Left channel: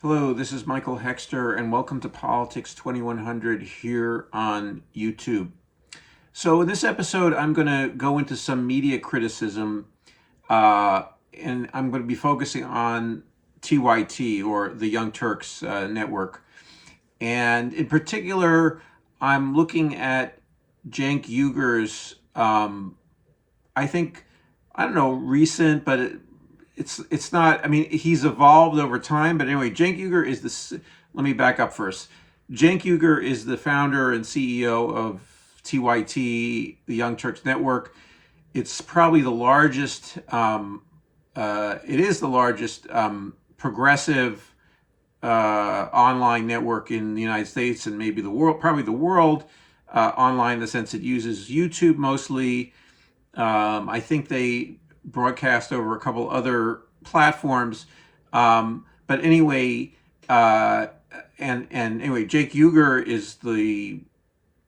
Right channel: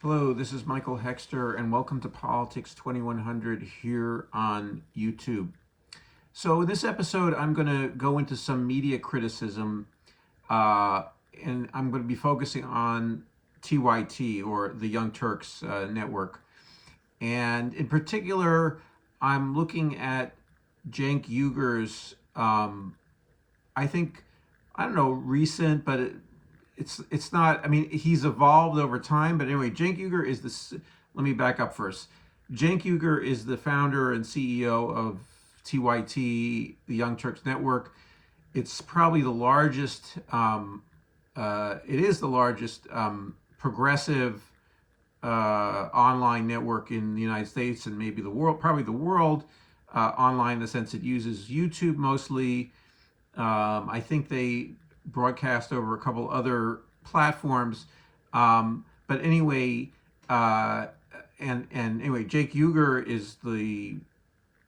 Hello, this is Michael Hexter, and welcome to Politics 2100 here on YouTube. So, in this episode, I'm going to go into some media criticism, uh, and I'm going to be focusing on TYT, or the Young Turks network. And in particular, I'm looking at Cenk Uygur's, I think, I don't know, recent, but it's not. I mean, he's evolved over time. But anyway, Cenk Uygur is the. Let me back up first. Cenk Uygur is the founder and CEO of TYT, the Young Turks Network. It's probably the largest. It is the largest progressive online network in the United States and maybe the world, probably the world, online in the sense it uses YouTube mostly. I think they broadcast over a couple other platforms. But anyway, and anyway, Cenk Uygur is the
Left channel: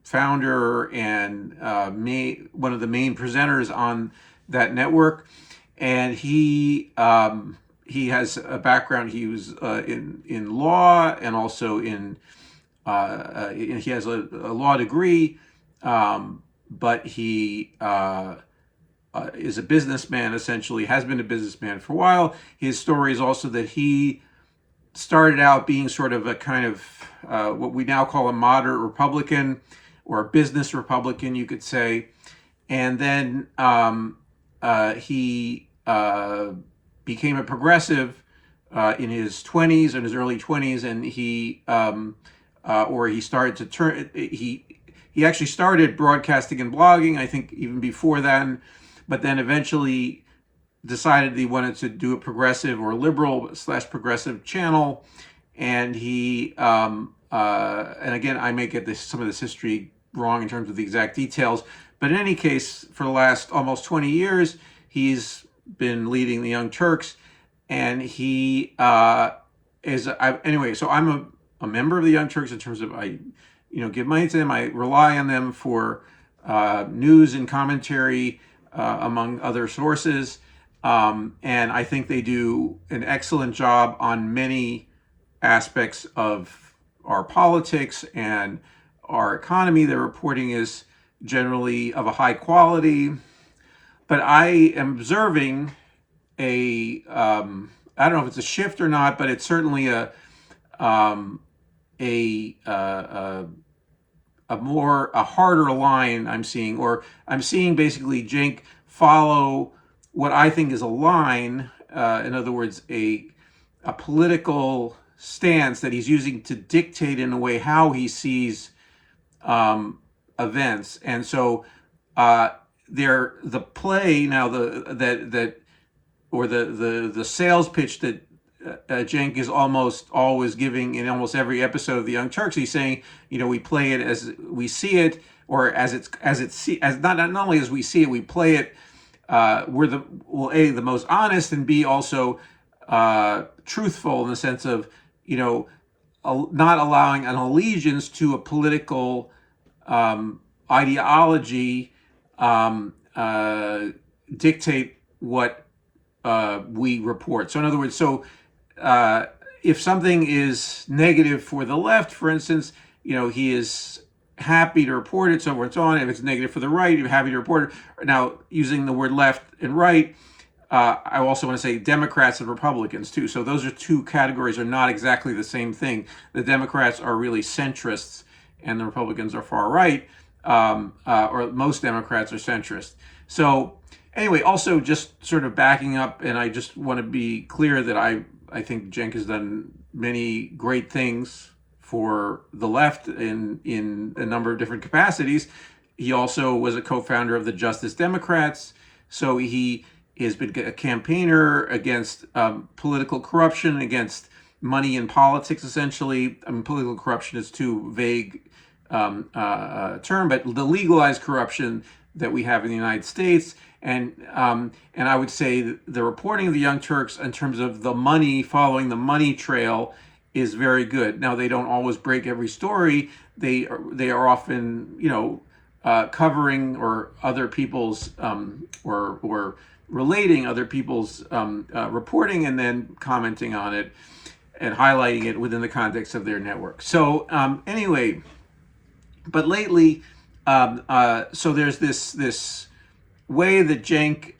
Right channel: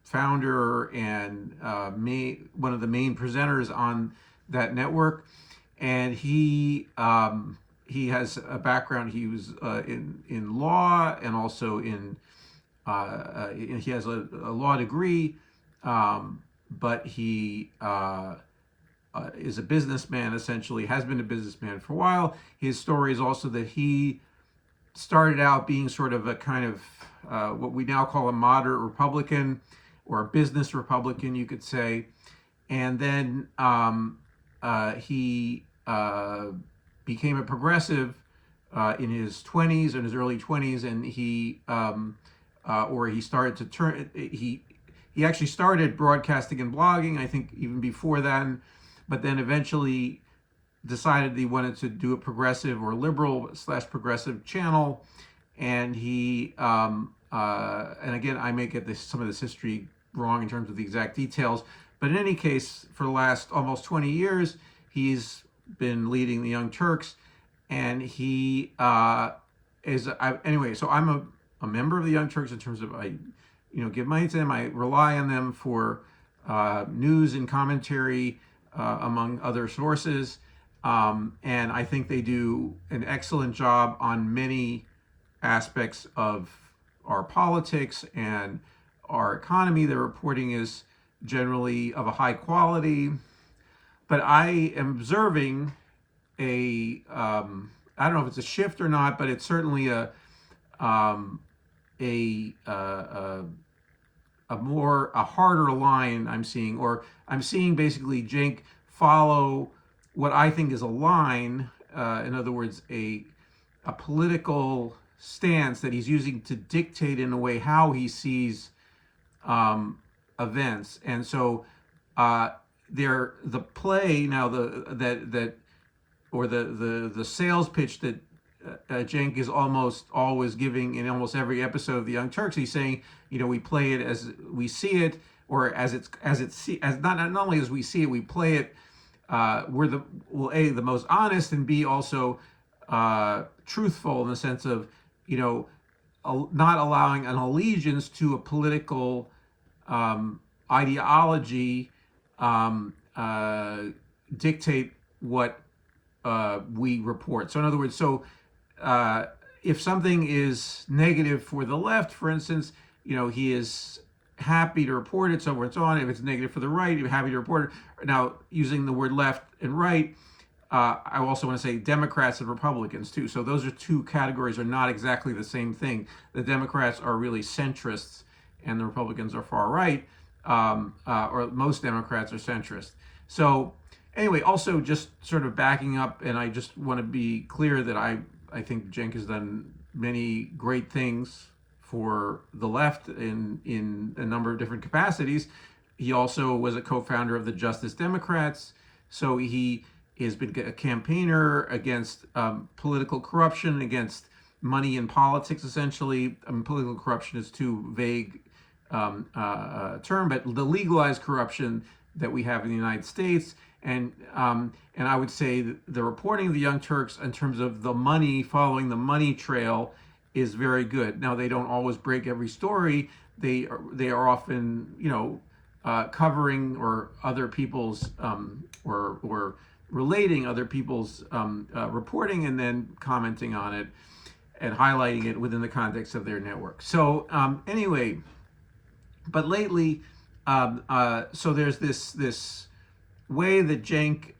founder and one of the main presenters on that network, and he has a background. He was in law and also he has a law degree, but he is a businessman, essentially, has been a businessman for a while. His story is also that he started out being sort of a kind of what we now call a moderate Republican or a business Republican, you could say. And then he became a progressive in his 20s, in his early 20s, and he started to turn, he actually started broadcasting and blogging, I think even before then, but then eventually decided he wanted to do a progressive or liberal / progressive channel. And and again, I may get some of this history wrong in terms of the exact details, but in any case, for the last almost 20 years, he's been leading the Young Turks, and he anyway, so I'm a member of the Young Turks in terms of I give money to them. I rely on them for news and commentary, among other sources. And I think they do an excellent job on many aspects of our politics and our economy. Their reporting is generally of a high quality. But I am observing I don't know if it's a shift or not, but it's certainly a harder line I'm seeing, or I'm seeing basically Cenk follow what I think is a line, in other words, a political stance that he's using to dictate in a way how he sees events. And so the play now, the sales pitch that Cenk is almost always giving in almost every episode of the Young Turks. He's saying, we play it as we see it, or as not only as we see it, we play it. We're the most honest, and B, also truthful in the sense of not allowing an allegiance to a political ideology dictate what we report. So in other words, if something is negative for the left, for instance, he is happy to report it, so forth and so on. If it's negative for the right, he's happy to report it. Now, using the word left and right, I also want to say Democrats and Republicans too. So those are two categories, are not exactly the same thing. The Democrats are really centrists, and the Republicans are far right, or most Democrats are centrist. So anyway, also just sort of backing up, and I just want to be clear that I think Cenk has done many great things for the left in a number of different capacities. He also was a co-founder of the Justice Democrats, so he has been a campaigner against political corruption, against money in politics, essentially. I mean, political corruption is too vague term, but the legalized corruption that we have in the United States. And I would say the reporting of the Young Turks in terms of the money, following the money trail, is very good. Now, they don't always break every story. They are often, covering or other people's or relating other people's reporting and then commenting on it. and highlighting it within the context of their network. So anyway, but lately, so there's this way that Cenk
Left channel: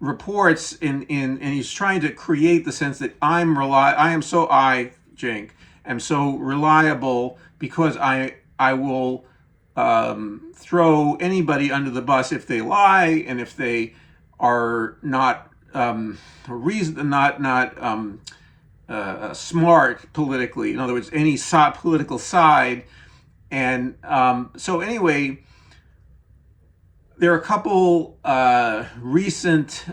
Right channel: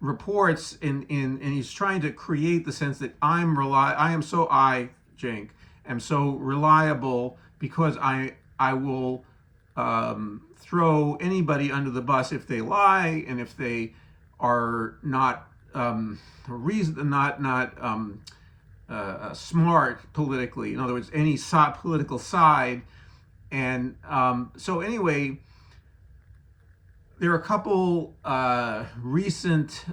reports and he's trying to create the sense that Cenk am so reliable because I will throw anybody under the bus if they lie and if they are not smart politically. In other words, any political side. And so anyway, there are a couple recent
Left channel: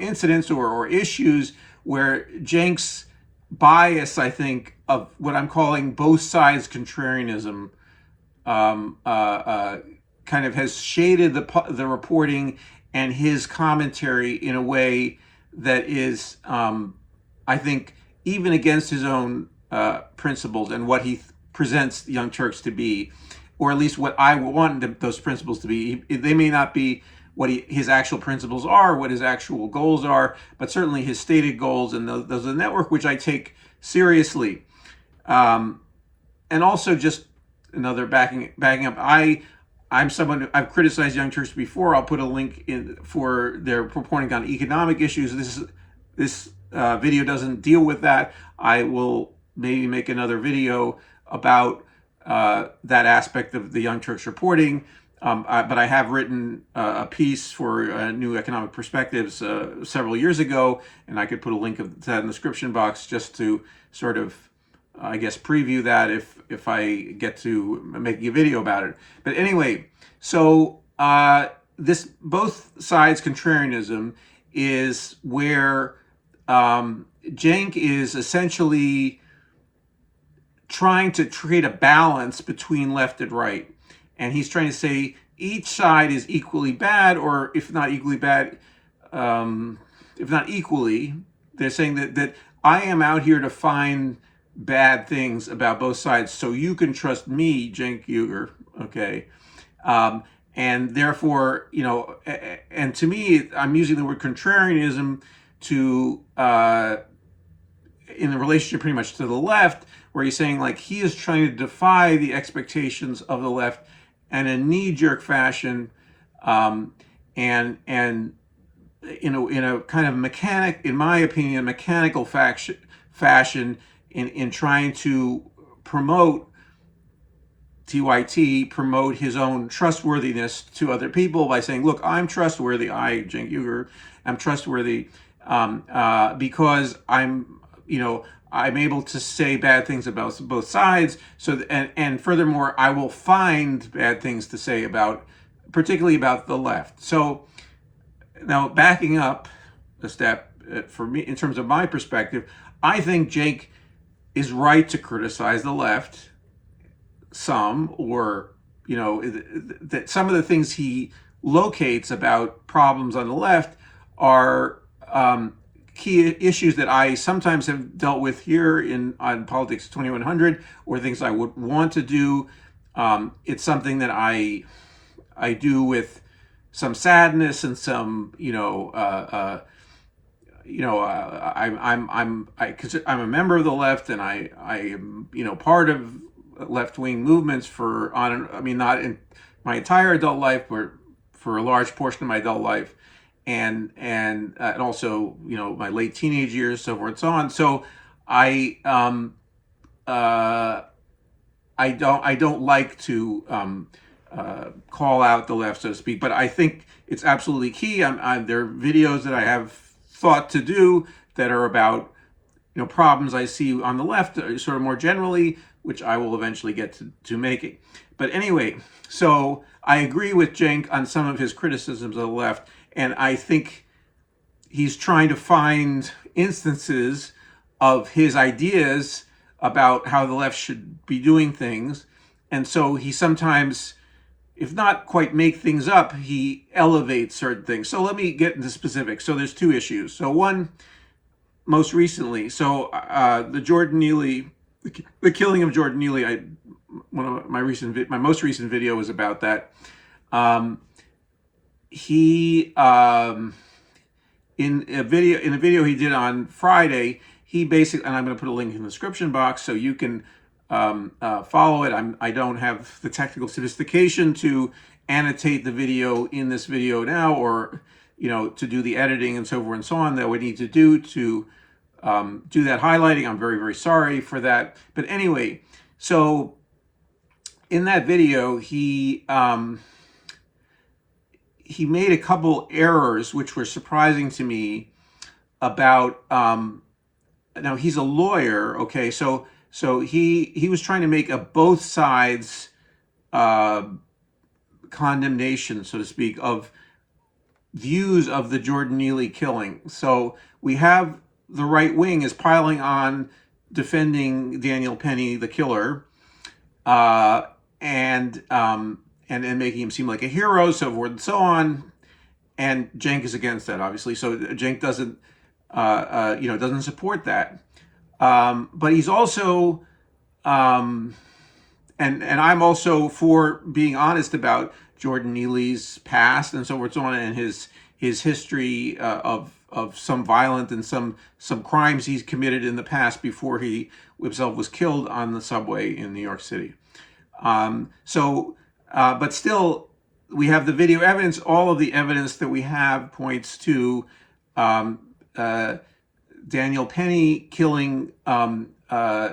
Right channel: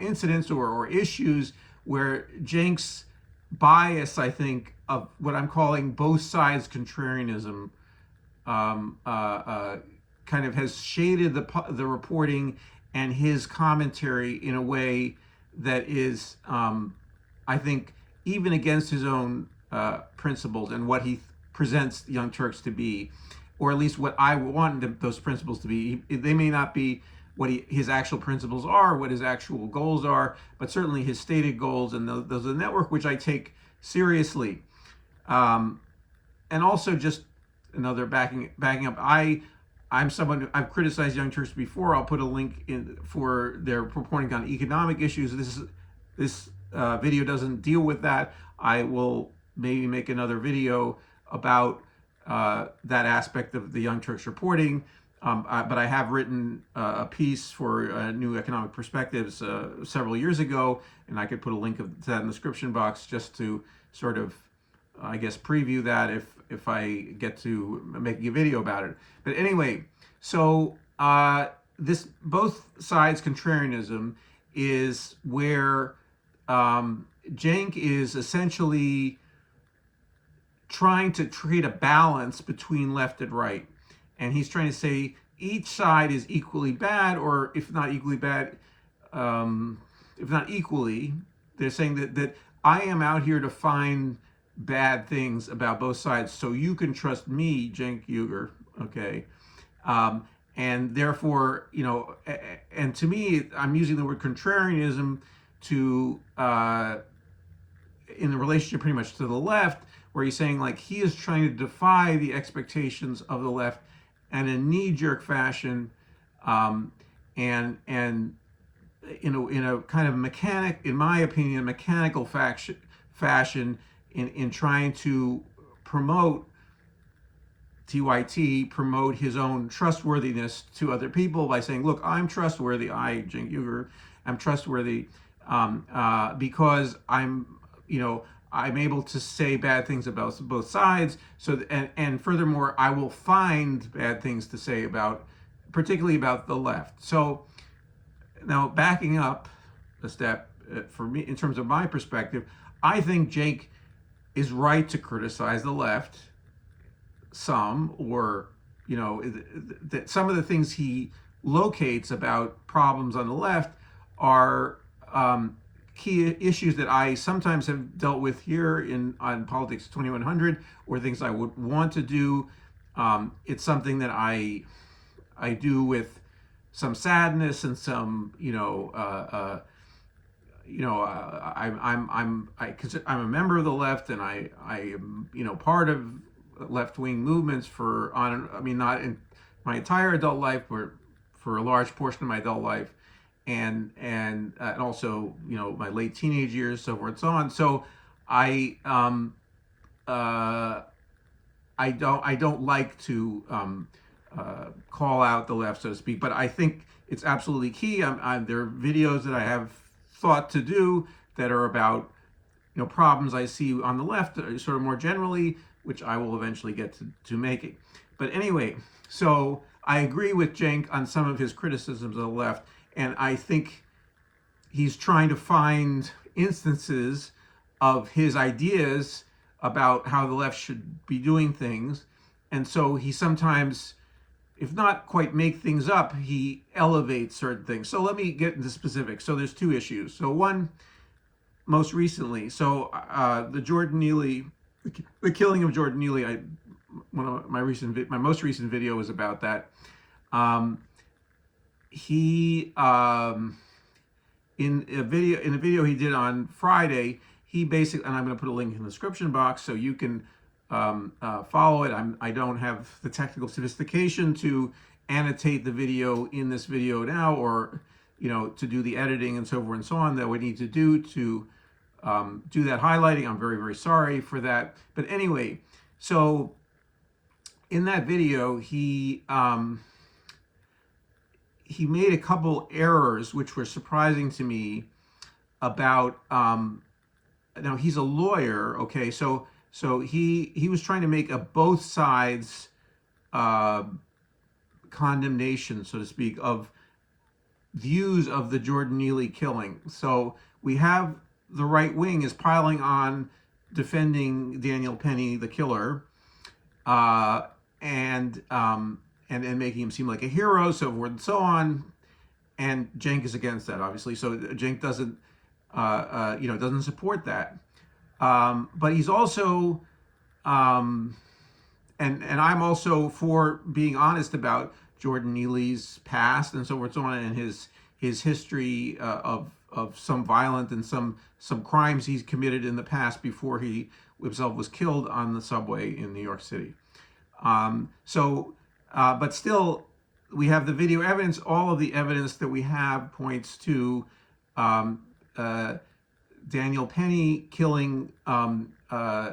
incidents or issues where Cenk's bias, I think, of what I'm calling both sides contrarianism kind of has shaded the reporting and his commentary in a way that is, I think, even against his own principles and what he presents the Young Turks to be, or at least what I want those principles to be. They may not be what his actual principles are, what his actual goals are, but certainly his stated goals, and those are the network which I take seriously. And also, just another backing up, I'm someone, I've criticized Young Turks before. I'll put a link in for their reporting on economic issues. This video doesn't deal with that. I will maybe make another video about that aspect of the Young Turks reporting. But I have written a piece for New Economic Perspectives several years ago, and I could put a link to that in the description box just to sort of, I guess, preview that if I get to making a video about it. But anyway, so this both sides contrarianism is where Cenk is essentially trying to create a balance between left and right. And he's trying to say each side is equally bad, or if not equally bad, if not equally, they're saying that I am out here to find bad things about both sides, so you can trust me, Cenk Uygur, okay? And therefore, and to me, I'm using the word contrarianism to, in the relationship pretty much to the left, where he's saying like he is trying to defy the expectations of the left in a knee-jerk fashion, and in a kind of in my opinion, mechanical fashion in trying to promote TYT, promote his own trustworthiness to other people by saying, look, I'm trustworthy. Cenk Uygur, I'm trustworthy because I'm able to say bad things about both sides. So, and furthermore, I will find bad things to say particularly about the left. So now backing up a step, for me, in terms of my perspective, I think Cenk is right to criticize the left some, or, that some of the things he locates about problems on the left are key issues that I sometimes have dealt with here on Politics 2100, or things I would want to do. It's something that I do with some sadness and some, I'm a member of the left, and I am, part of left-wing movements not in my entire adult life, but for a large portion of my adult life. And also, my late teenage years, so forth and so on. So I don't like to call out the left, so to speak, but I think it's absolutely key. There are videos that I have thought to do that are about problems I see on the left, sort of more generally, which I will eventually get to making. But anyway, so I agree with Cenk on some of his criticisms of the left. And I think he's trying to find instances of his ideas about how the left should be doing things. And so he sometimes, if not quite make things up, he elevates certain things. So let me get into specifics. So there's two issues. So one, most recently, the Jordan Neely, the killing of Jordan Neely, one of my most recent video was about that. He in a video he did on Friday, he basically, and I'm going to put a link in the description box so you can follow it. I don't have the technical sophistication to annotate the video in this video now, or to do the editing and so forth and so on that we need to do to do that highlighting. I'm very, very sorry for that. But anyway, so in that video, he made a couple errors which were surprising to me about, now he's a lawyer, okay, so he was trying to make a both sides condemnation, so to speak, of views of the Jordan Neely killing. So we have the right wing is piling on defending Daniel Penny, the killer, and making him seem like a hero, so forth and so on. And Cenk is against that, obviously. So Cenk doesn't, doesn't support that. But he's also, and I'm also for being honest about Jordan Neely's past and so forth and so on, and his history of some violent and some crimes he's committed in the past before he himself was killed on the subway in New York City. But still, we have the video evidence. All of the evidence that we have points to Daniel Penny killing,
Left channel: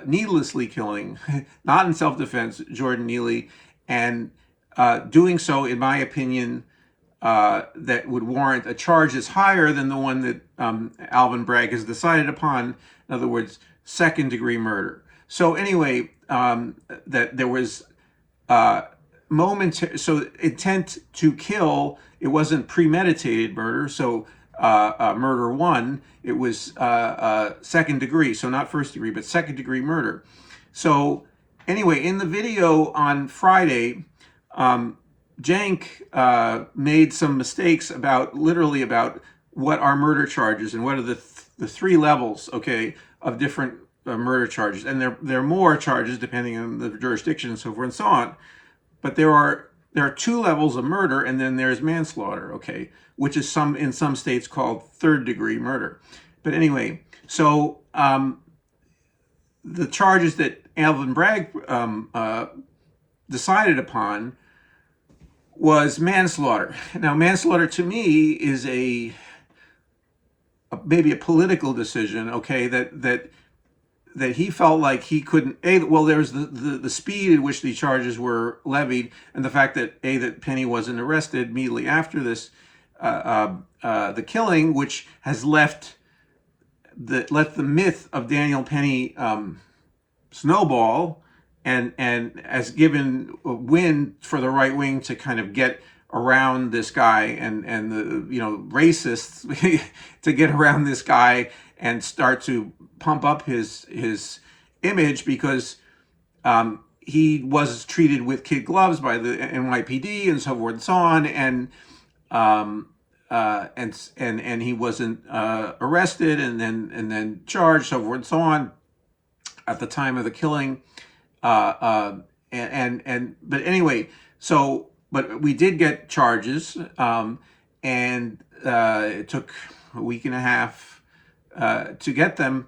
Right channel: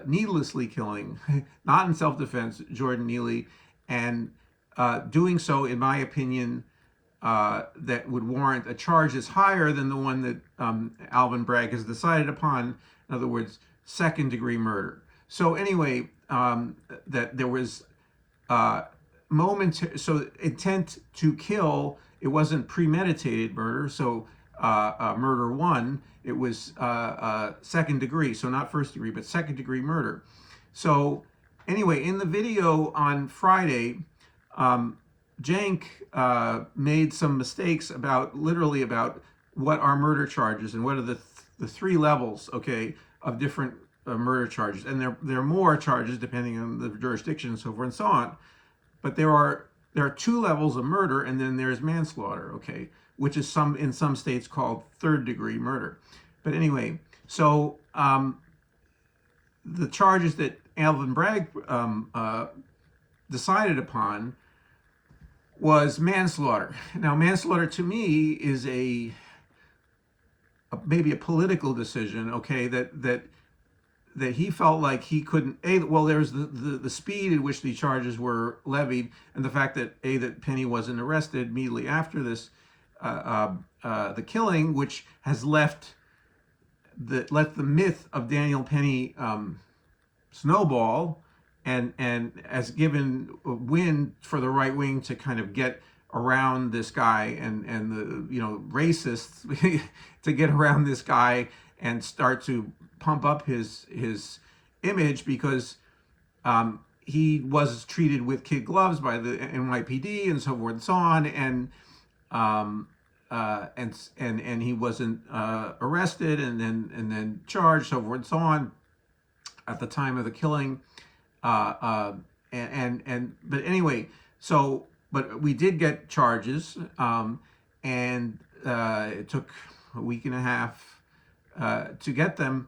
needlessly killing, not in self-defense, Jordan Neely, and doing so, in my opinion, that would warrant a charge that's higher than the one that Alvin Bragg has decided upon. In other words, second-degree murder. So anyway, that there was momentary, so intent to kill. It wasn't premeditated murder. So murder one, it was second degree. So not first degree, but second degree murder. So anyway, in the video on Friday, Cenk made some mistakes about what are murder charges and what are the three levels, okay, of different murder charges. And there are more charges depending on the jurisdiction and so forth and so on. But there are two levels of murder, and then there's manslaughter, okay, which is in some states called third degree murder. But anyway, so the charges that Alvin Bragg decided upon was manslaughter. Now, manslaughter to me is maybe a political decision, okay, that he felt like he couldn't, well, there's the speed at which the charges were levied, and the fact that that Penny wasn't arrested immediately after this, the killing, which has left the myth of Daniel Penny snowball, and has given a wind for the right wing to kind of get around this guy and the racists to get around this guy and start to pump up his image, because he was treated with kid gloves by the NYPD and so forth and so on, and he wasn't arrested and then charged, so forth and so on, at the time of the killing. But anyway, but we did get charges, and it took a week and a half to get them.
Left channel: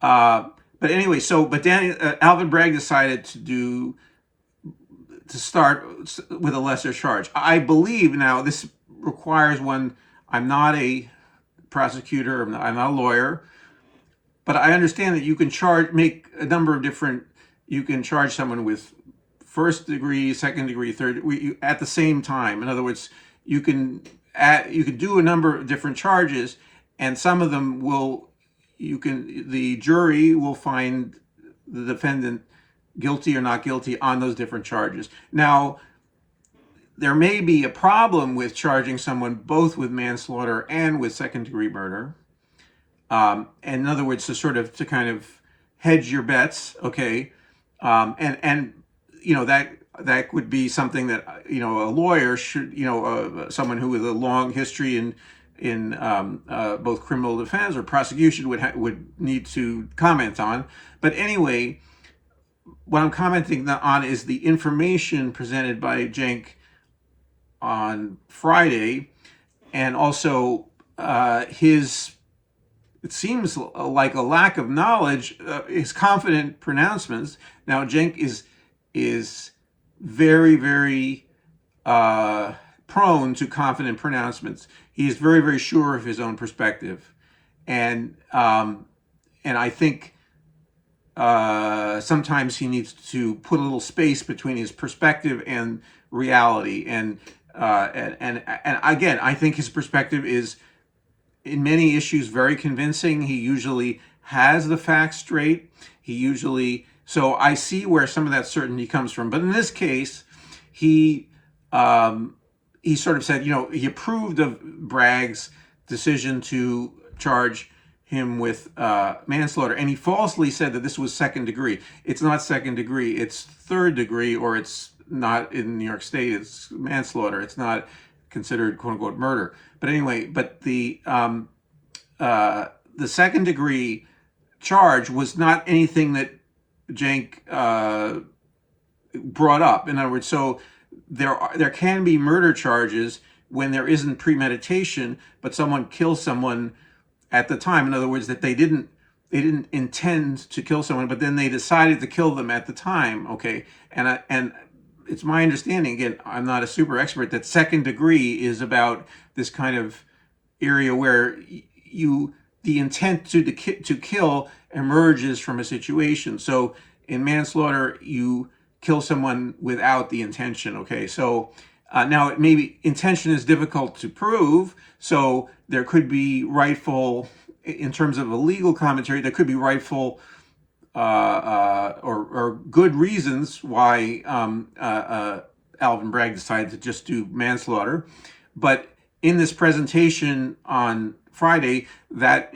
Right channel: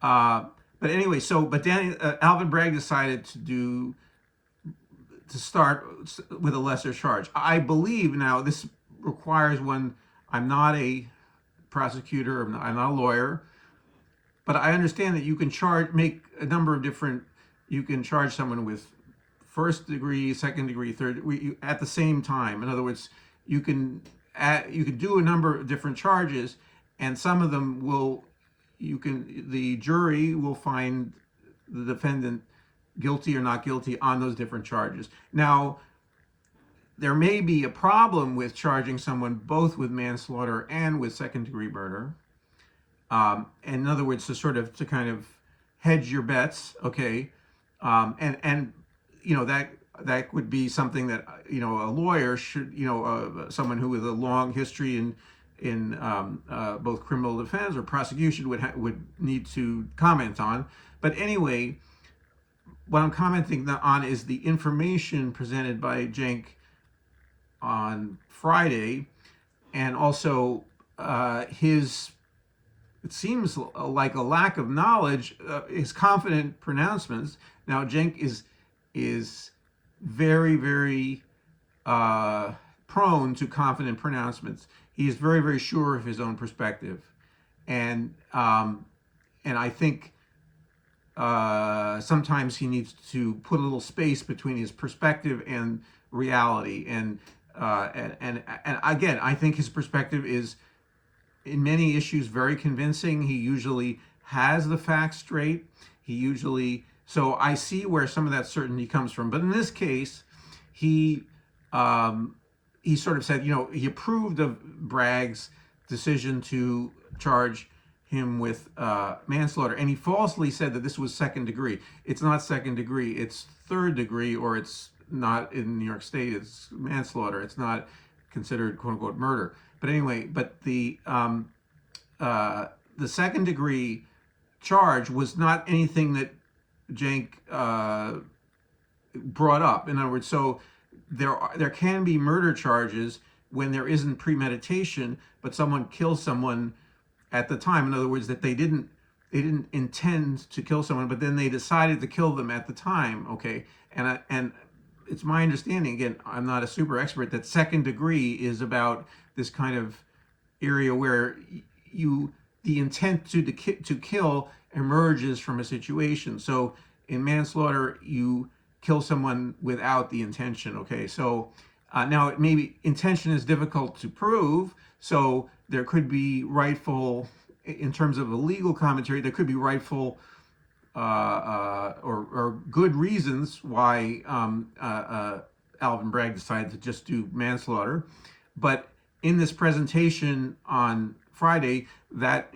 But anyway, but Alvin Bragg decided to start with a lesser charge. I believe now this requires one. I'm not a prosecutor. I'm not a lawyer, but I understand that you can make a number of different. You can charge someone with first degree, second degree, third at the same time. In other words, you can do a number of different charges, and some of them the jury will find the defendant guilty or not guilty on those different charges. Now, there may be a problem with charging someone both with manslaughter and with second degree murder. And in other words, to kind of hedge your bets, okay? And that would be something that a lawyer should, someone who with a long history in both criminal defense or prosecution would need to comment on. But anyway, what I'm commenting on is the information presented by Cenk on Friday, and also his, it seems like a lack of knowledge, his confident pronouncements. Now, Cenk is very, very prone to confident pronouncements. He is very, very sure of his own perspective, and I think sometimes he needs to put a little space between his perspective and reality. And again, I think his perspective is, in many issues, very convincing. He usually has the facts straight. So I see where some of that certainty comes from. But in this case, he sort of said, he approved of Bragg's decision to charge him with manslaughter, and he falsely said that this was second degree. It's not second degree, it's third degree, or it's not, in New York State, it's manslaughter. It's not considered quote unquote murder. But anyway, the second degree charge was not anything that Cenk brought up. In other words, so there can be murder charges when there isn't premeditation, but someone kills someone at the time. In other words, that they didn't intend to kill someone, but then they decided to kill them at the time. Okay, and it's my understanding, again, I'm not a super expert, that second degree is about this kind of area where the intent to kill emerges from a situation. So in manslaughter, you kill someone without the intention. Okay, so now maybe intention is difficult to prove, so there could be rightful, in terms of a legal commentary, there could be rightful or good reasons why Alvin Bragg decided to just do manslaughter. But in this presentation on Friday, that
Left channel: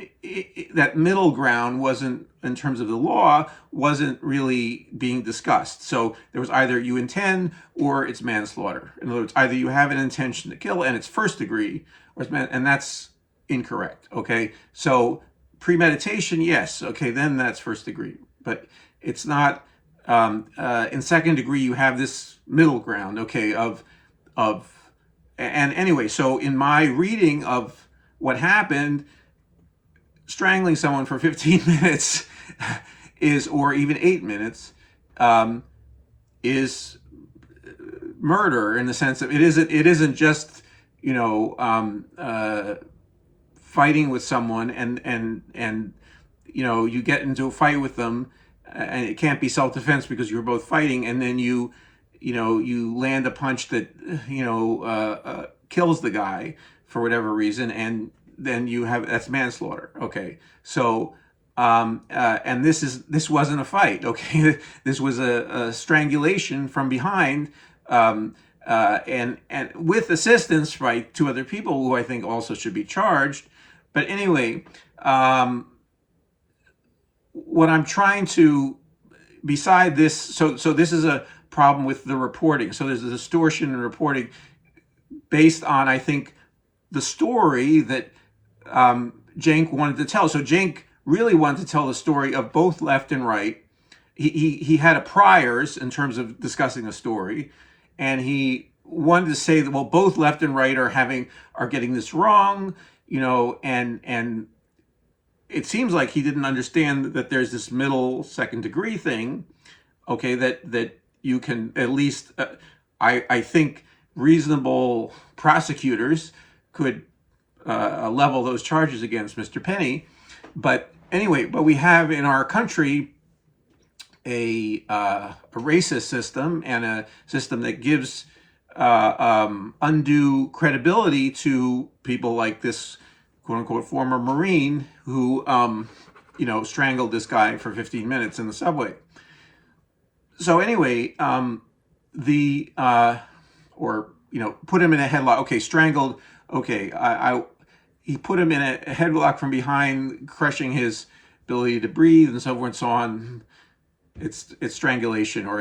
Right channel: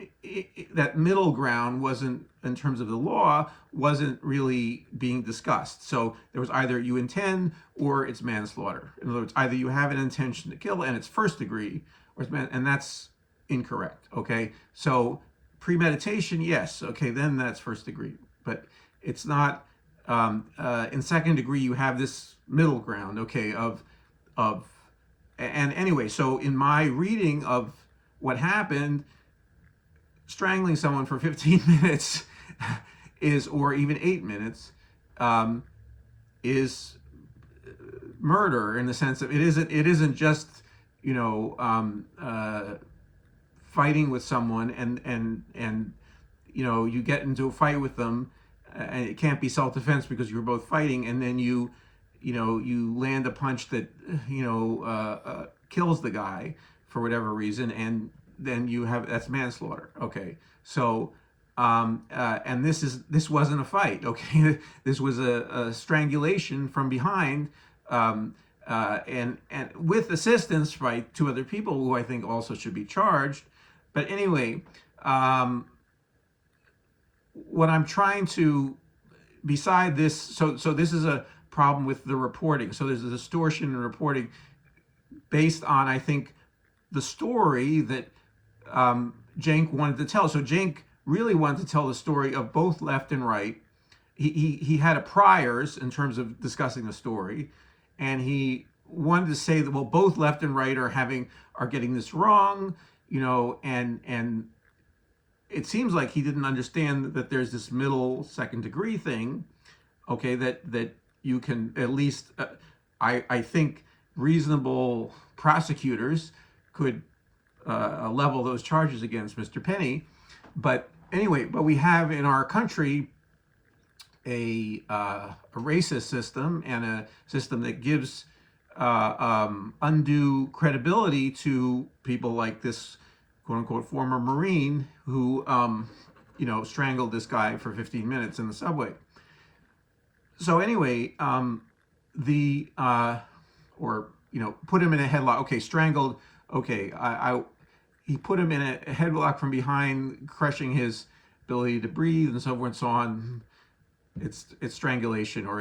middle ground wasn't, in terms of the law, wasn't really being discussed. So there was either you intend or it's manslaughter. In other words, either you have an intention to kill and it's first degree, or it's and that's incorrect. Okay, so premeditation, yes, okay, then that's first degree, but it's not. In second degree, you have this middle ground, okay, and anyway, so in my reading of what happened, strangling someone for 15 minutes is, or even 8 minutes, is murder, in the sense of it isn't just fighting with someone and you get into a fight with them, and it can't be self-defense because you're both fighting, and then you land a punch that kills the guy for whatever reason, and then that's manslaughter. Okay, so and this wasn't a fight. Okay, this was a strangulation from behind, and with assistance by two other people who I think also should be charged. But anyway, what I'm trying to, beside this, so this is a problem with the reporting. So there's a distortion in reporting based on, I think, the story that Cenk wanted to tell. So Cenk really wanted to tell the story of both left and right. He had a priors in terms of discussing a story, and he wanted to say that, well, both left and right are getting this wrong, and it seems like he didn't understand that there's this middle second degree thing, okay, that you can at least, I think reasonable prosecutors could level those charges against Mr. Penny. But anyway, we have in our country a racist system, and a system that gives undue credibility to people like this quote unquote former Marine who strangled this guy for 15 minutes in the subway. So anyway, put him in a headlock. Okay, strangled. Okay, he put him in a headlock from behind, crushing his ability to breathe and so forth and so on. It's strangulation, or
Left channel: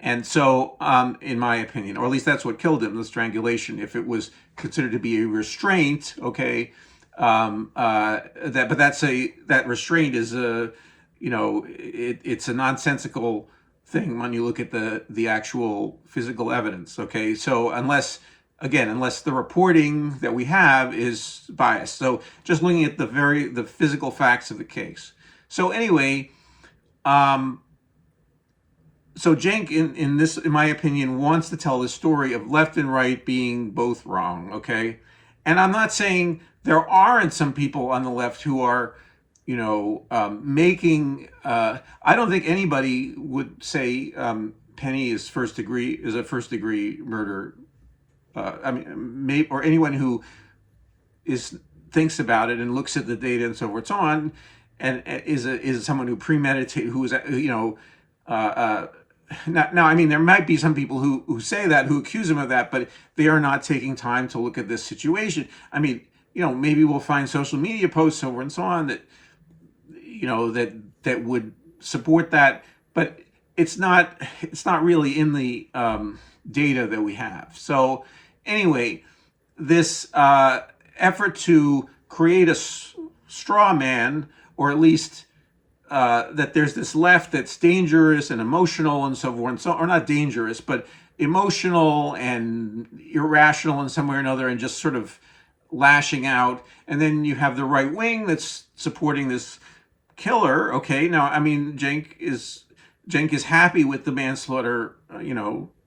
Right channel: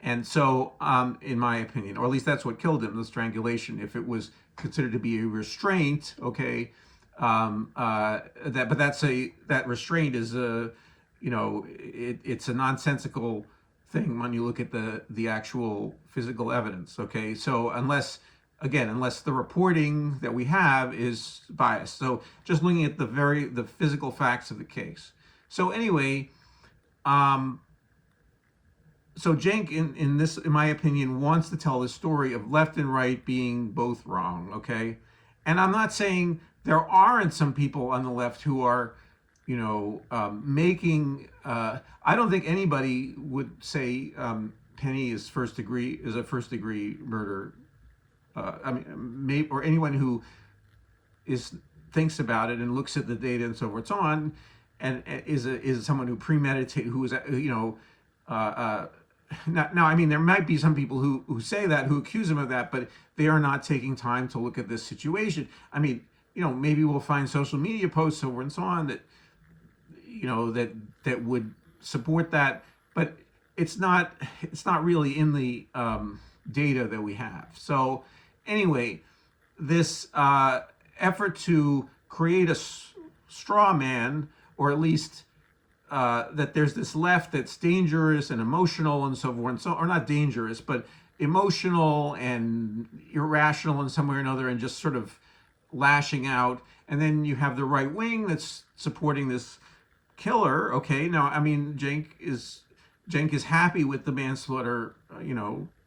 and so in my opinion, or at least that's what killed him, the strangulation. If it was considered to be a restraint, okay, that restraint is it's a nonsensical thing when you look at the actual physical evidence. Okay, so unless again, unless the reporting that we have is biased. So just looking at the physical facts of the case. So anyway, so Cenk, in my opinion, wants to tell the story of left and right being both wrong. Okay, and I'm not saying there aren't some people on the left who are, making. I don't think anybody would say Penny is a first degree murder. Or anyone who thinks about it and looks at the data and so forth, so on, and is someone who premeditated, who is now, I mean, there might be some people who say that, who accuse him of that, but they are not taking time to look at this situation. I mean, maybe we'll find social media posts over and so on that, that would support that, but it's not really in the data that we have. So anyway, this effort to create a straw man, or at least that there's this left that's dangerous and emotional and so forth, and so, or not dangerous, but emotional and irrational in some way or another, and just sort of lashing out. And then you have the right wing that's supporting this killer. Okay, now, I mean, Cenk is happy with the manslaughter,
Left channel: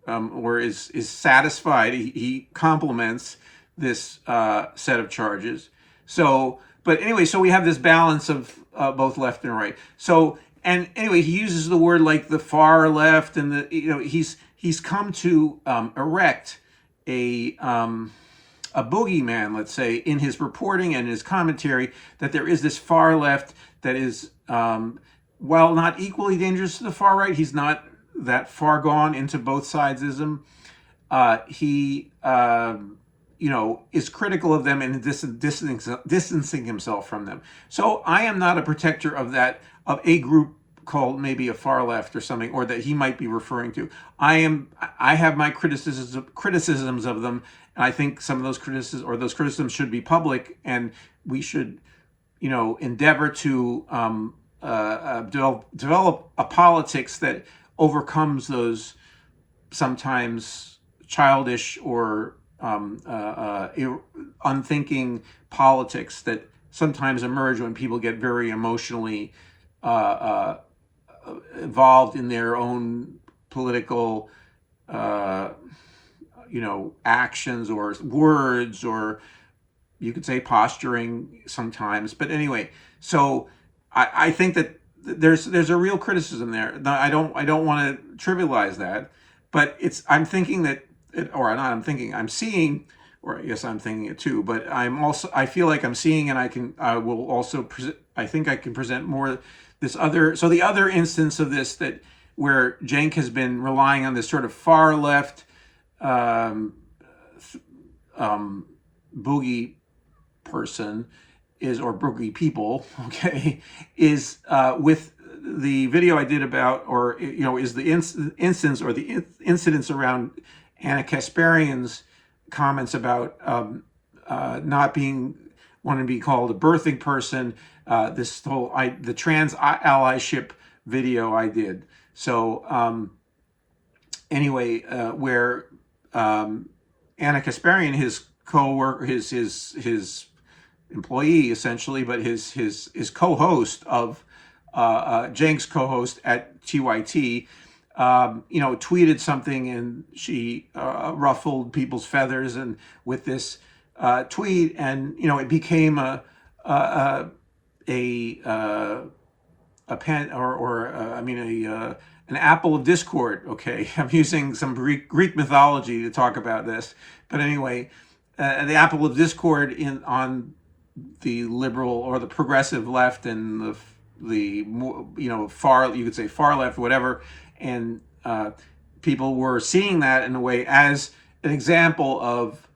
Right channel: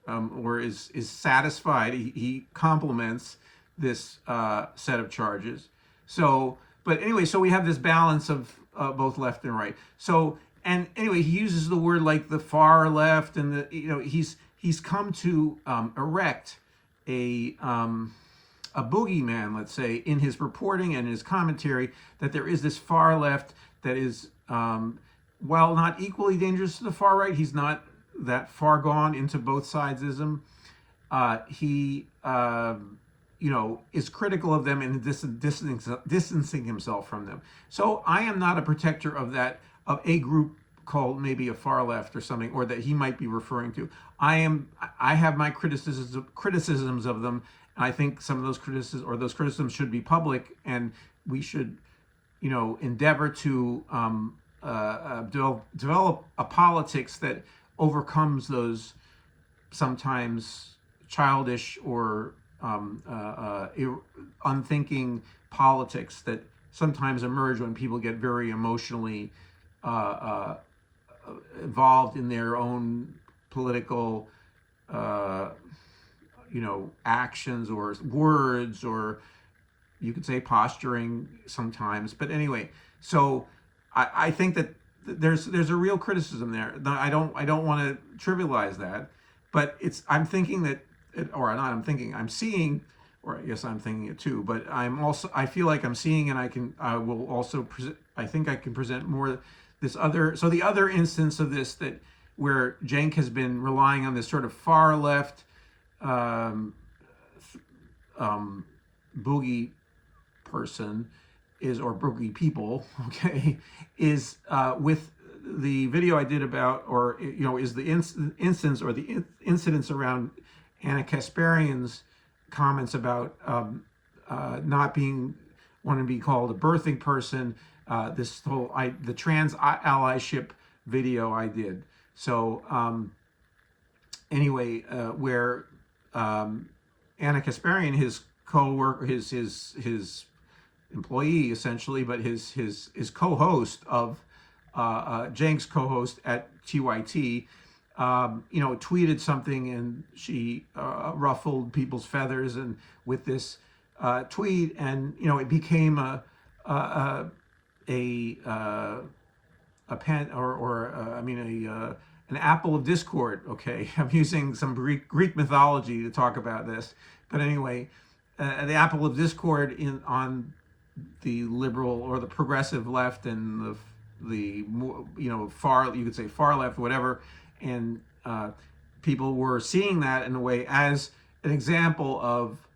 or is satisfied. He compliments this set of charges. So, but anyway, so we have this balance of both left and right. So, and anyway, he uses the word like the far left, and he's come to erect a boogeyman, let's say, in his reporting and his commentary, that there is this far left that is, while not equally dangerous to the far right, he's not that far gone into both sidesism. He is critical of them and distancing himself from them. So I am not a protector of a group called maybe a far left or something, or that he might be referring to. I have my criticisms of them, and I think some of those criticisms should be public, and we should, endeavor to develop a politics that overcomes those sometimes childish or unthinking politics that sometimes emerge when people get very emotionally involved in their own political actions or words, or you could say posturing sometimes. But anyway, so I think that there's a real criticism there. Now, I don't want to trivialize that, but I'm thinking that, I'm seeing, or yes, I'm thinking it too, but I feel like I'm seeing, and I will also I think I can present more the other instance of this, that where Cenk has been relying on this sort of far left boogie person or boogie people, okay, is with the video I did about, or is the instance or the incidents around Anna Kasparian's comments about not wanting to be called a birthing person, the trans allyship video I did. So anyway, where Anna Kasparian, his co-worker, his employee essentially, but his co-host of Cenk's co-host at TYT, tweeted something, and she ruffled people's feathers, and with this tweet, and it became an apple of discord. Okay, I'm using some Greek mythology to talk about this, but anyway, the apple of discord on the liberal or the progressive left and the far, you could say far left, whatever, and people were seeing that in a way as an example of,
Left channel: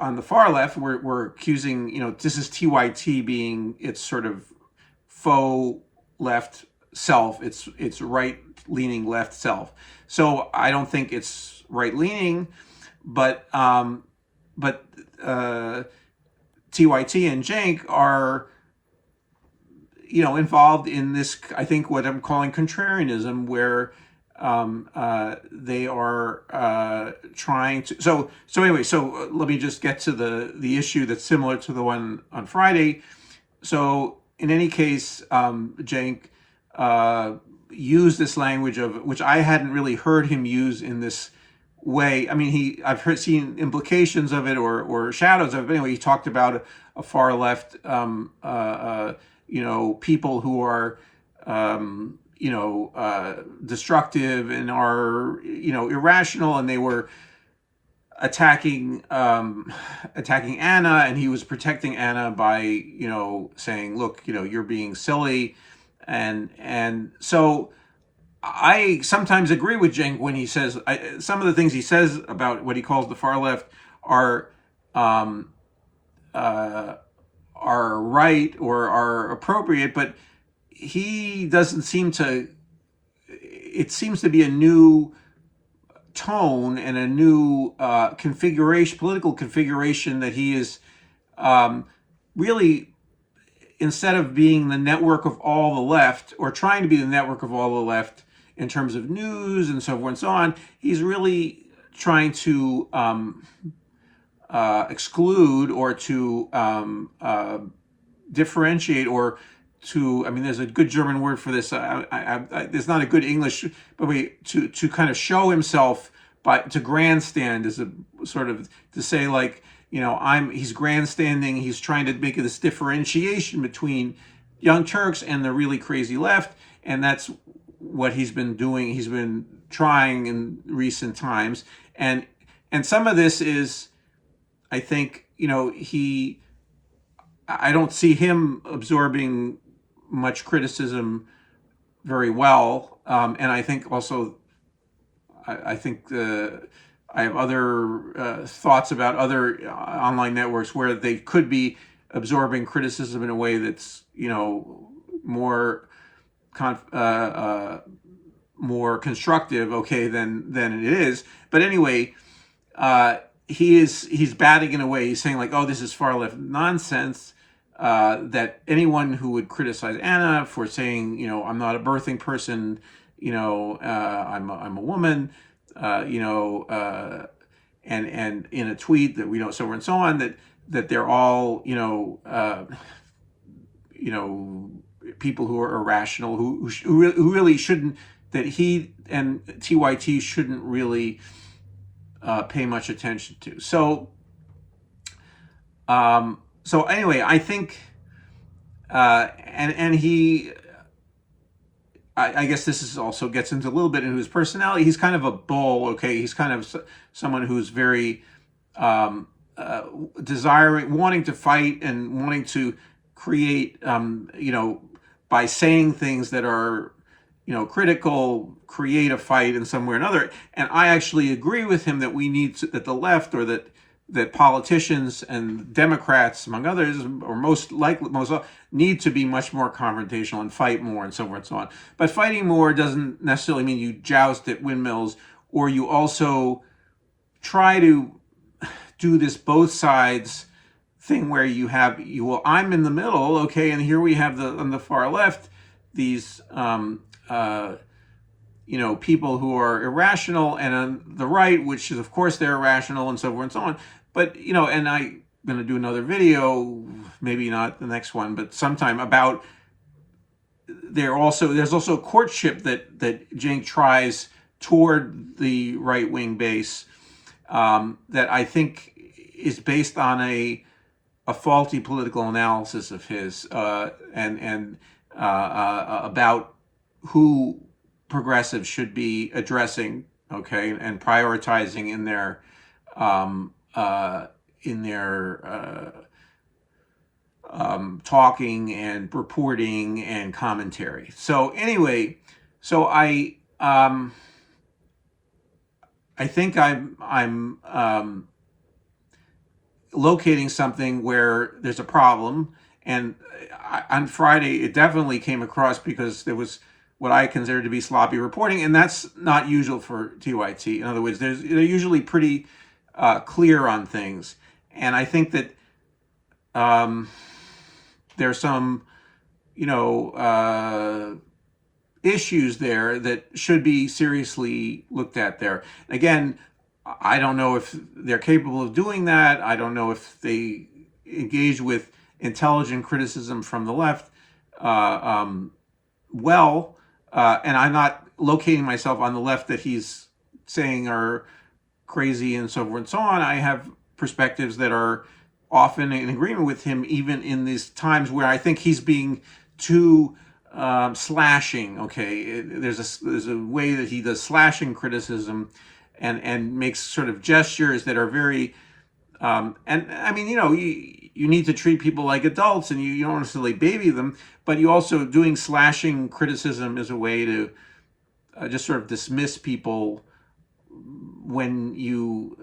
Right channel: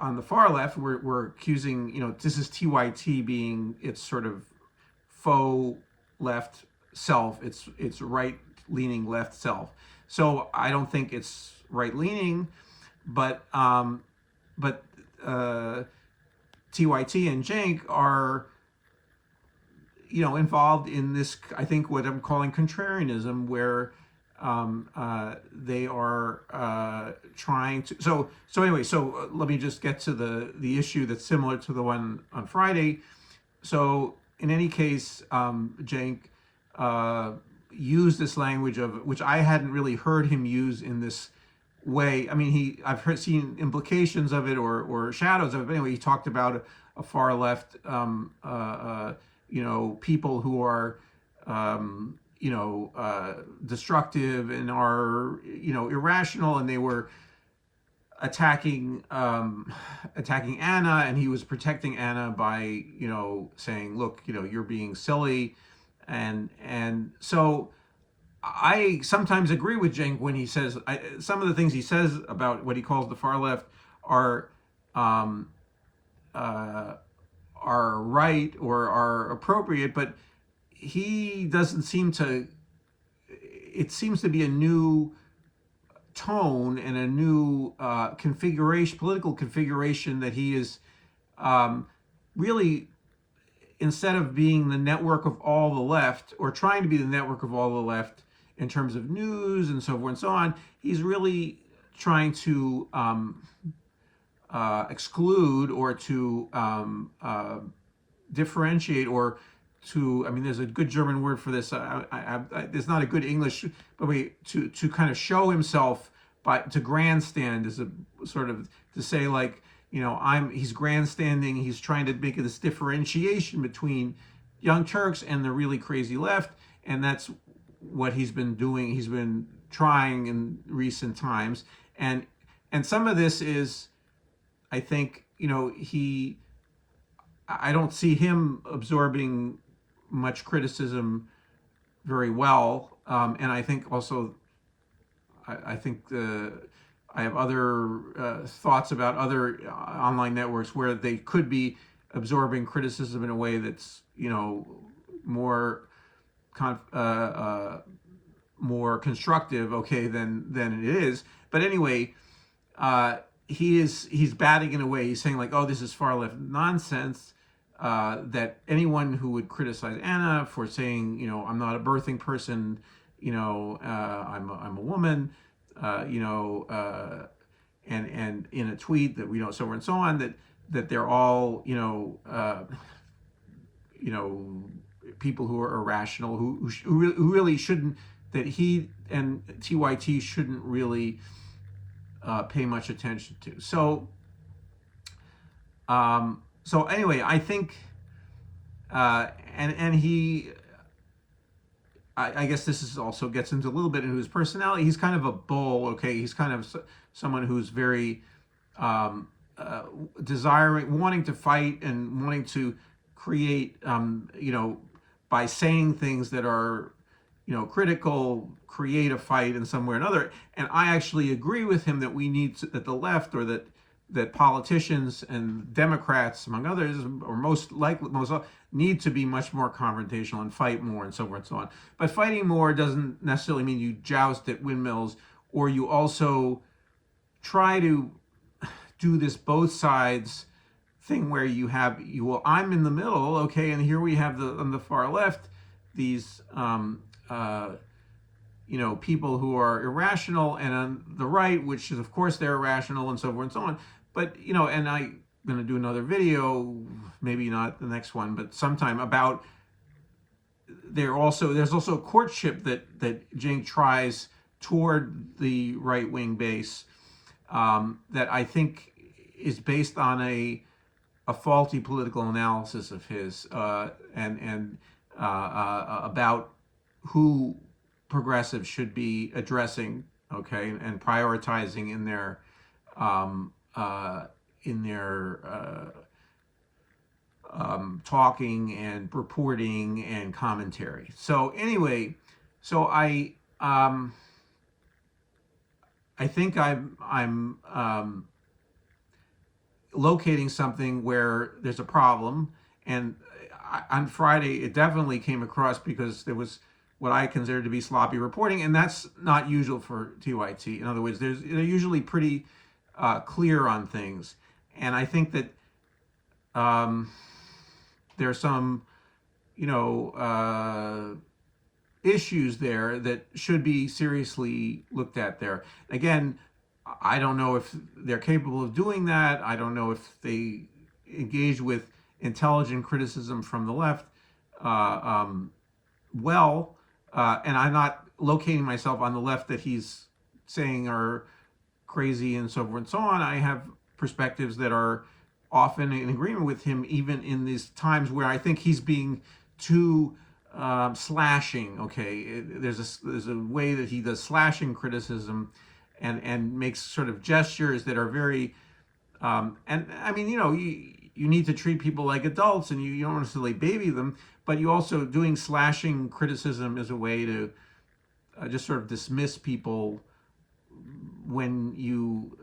on the far left, we're accusing, this is TYT being its sort of faux left self, its right-leaning left self. So I don't think it's right-leaning, but TYT and Cenk are, involved in this, I think, what I'm calling contrarianism, where they are trying to. So anyway, so let me just get to the issue that's similar to the one on Friday. So in any case, Cenk used this language of which I hadn't really heard him use in this way. I mean, I've seen implications of it or shadows of it. But anyway, he talked about a far left, people who are, destructive and are, irrational, and they were attacking Anna, and he was protecting Anna by, saying, look, you're being silly, and so I sometimes agree with Cenk when he says some of the things he says about what he calls the far left are right or are appropriate, but he doesn't seem to. It seems to be a new tone and a new political configuration that he is really, instead of being the network of all the left or trying to be the network of all the left in terms of news and so forth and so on, he's really trying to exclude or to differentiate or to, I mean, there's a good German word for this. There's not a good English, but to kind of show himself to grandstand is a sort of to say like, he's grandstanding. He's trying to make this differentiation between Young Turks and the really crazy left, and that's what he's been doing. He's been trying in recent times, and some of this is, I think, I don't see him absorbing much criticism very well, and I think also, I think I have other thoughts about other online networks where they could be absorbing criticism in a way that's more more constructive, okay, than it is. But anyway, he's batting in a way. He's saying like, oh, this is far left nonsense. That anyone who would criticize Anna for saying, I'm not a birthing person, I'm a woman, and in a tweet that we know, so on and so on, that they're all, people who are irrational, who really shouldn't, that he and TYT shouldn't really pay much attention to. So anyway, I think, and he, I guess this is also gets into a little bit into his personality. He's kind of a bull, okay? He's kind of someone who's very wanting to fight and wanting to create, by saying things that are, critical, create a fight in some way or another. And I actually agree with him that we need that the left, or that politicians and Democrats, among others, or most need to be much more confrontational and fight more and so forth and so on. But fighting more doesn't necessarily mean you joust at windmills, or you also try to do this both sides thing where I'm in the middle, okay, and here we have on the far left these people who are irrational, and on the right, which is of course they're irrational and so forth and so on. But and I'm going to do another video, maybe not the next one, but sometime, about there's also courtship that Cenk tries toward the right wing base, that I think is based on a faulty political analysis of his, and about who progressives should be addressing, okay, and prioritizing in their talking and reporting and commentary. So anyway, so I think I'm locating something where there's a problem, and on Friday it definitely came across because there was what I consider to be sloppy reporting, and that's not usual for TYT. In other words, they're usually pretty clear on things, and I think that there's some, issues there that should be seriously looked at there. Again, I don't know if they're capable of doing that. I don't know if they engage with intelligent criticism from the left and I'm not locating myself on the left that he's saying are crazy and so forth and so on. I have perspectives that are often in agreement with him, even in these times where I think he's being too slashing. Okay, there's a way that he does slashing criticism, and makes sort of gestures that are very and I mean, you need to treat people like adults, and you don't necessarily baby them, but you also doing slashing criticism is a way to just sort of dismiss people when you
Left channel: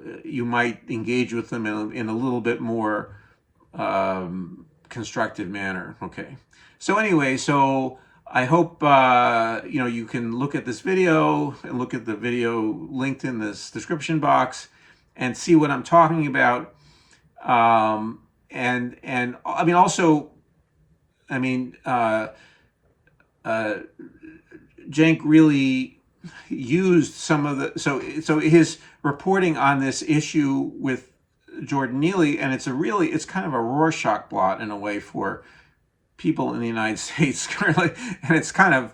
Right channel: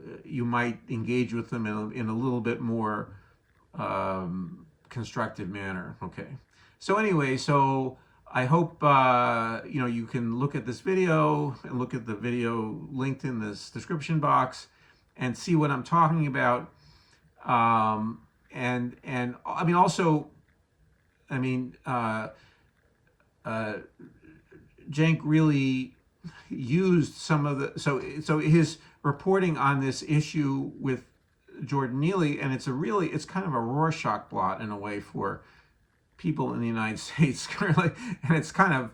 might engage with them in a little bit more constructive manner. Okay, so anyway, so I hope you can look at this video and look at the video linked in this description box and see what I'm talking about. And I mean, also, I mean, Cenk really used some of the, so his reporting on this issue with Jordan Neely, and it's kind of a Rorschach blot in a way for people in the United States, currently, and it's kind of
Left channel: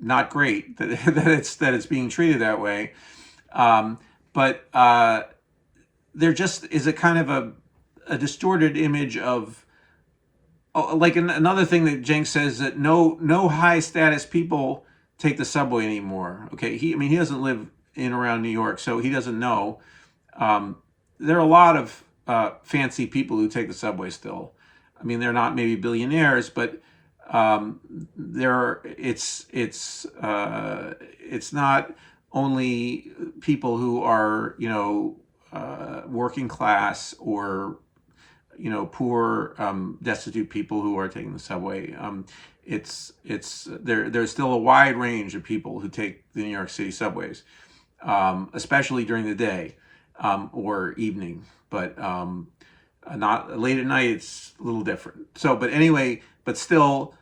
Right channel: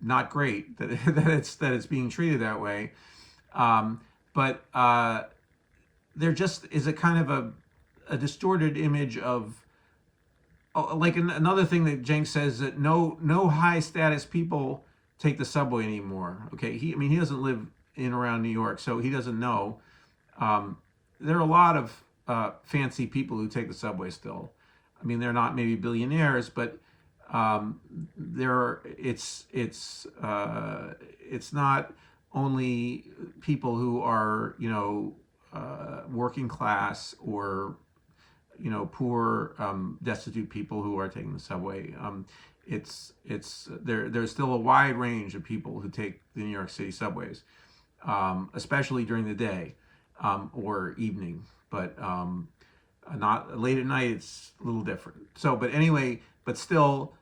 not great that it's being treated that way. But there just is a kind of a distorted image of, like another thing that Cenk says, that no high status people take the subway anymore. Okay, he doesn't live in around New York, so he doesn't know. There are a lot of fancy people who take the subway still. I mean, they're not maybe billionaires, but it's not only people who are working class or poor, destitute people who are taking the subway. There's still a wide range of people who take the New York City subways, especially during the day or evening, but not late at night. It's a little different. So, but anyway, but still,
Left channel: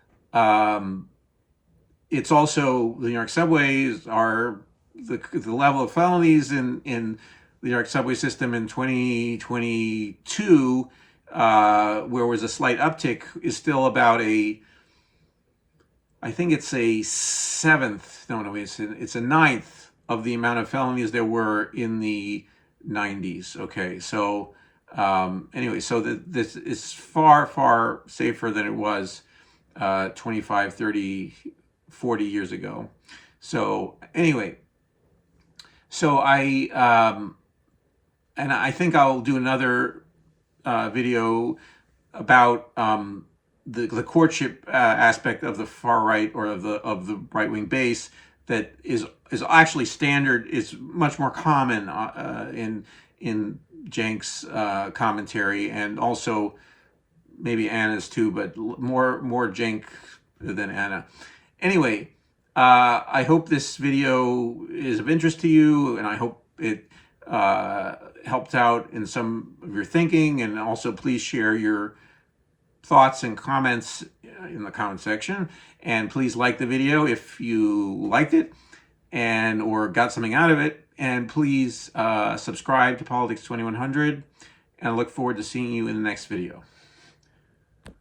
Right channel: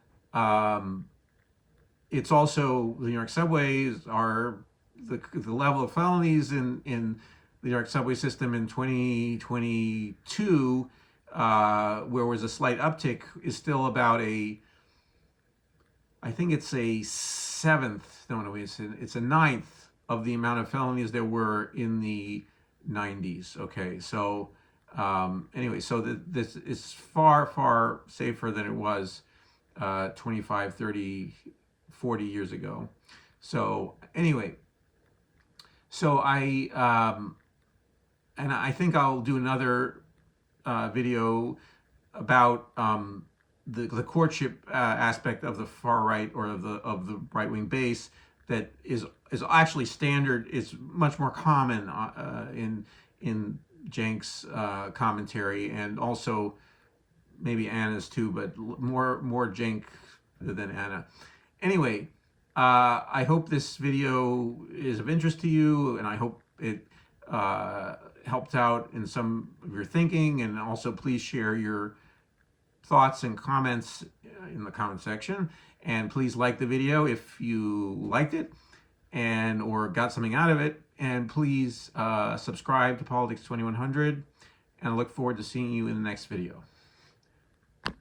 it's also, the New York subways are the level of felonies in the New York subway system in 2022, where was a slight uptick, is still about I think it's a it's a ninth of the amount of felonies there were in the 90s. Okay, so anyway, so this is far, far safer than it was 25, 30, 40 years ago. So anyway, so and I think I'll do another video about the courtship aspect of the far right, or of the right wing base, that is actually standard, is much more common in Cenk's commentary, and also maybe Anna's too, but more Cenk than Anna. Anyway, I hope this video is of interest to you, and I hope it helped out in some of your thinking. And also, please share your thoughts and comments in the comment section, and please like the video if you liked it or got something out of it, and please subscribe to Politics 2100, and I look forward to seeing you in the next video.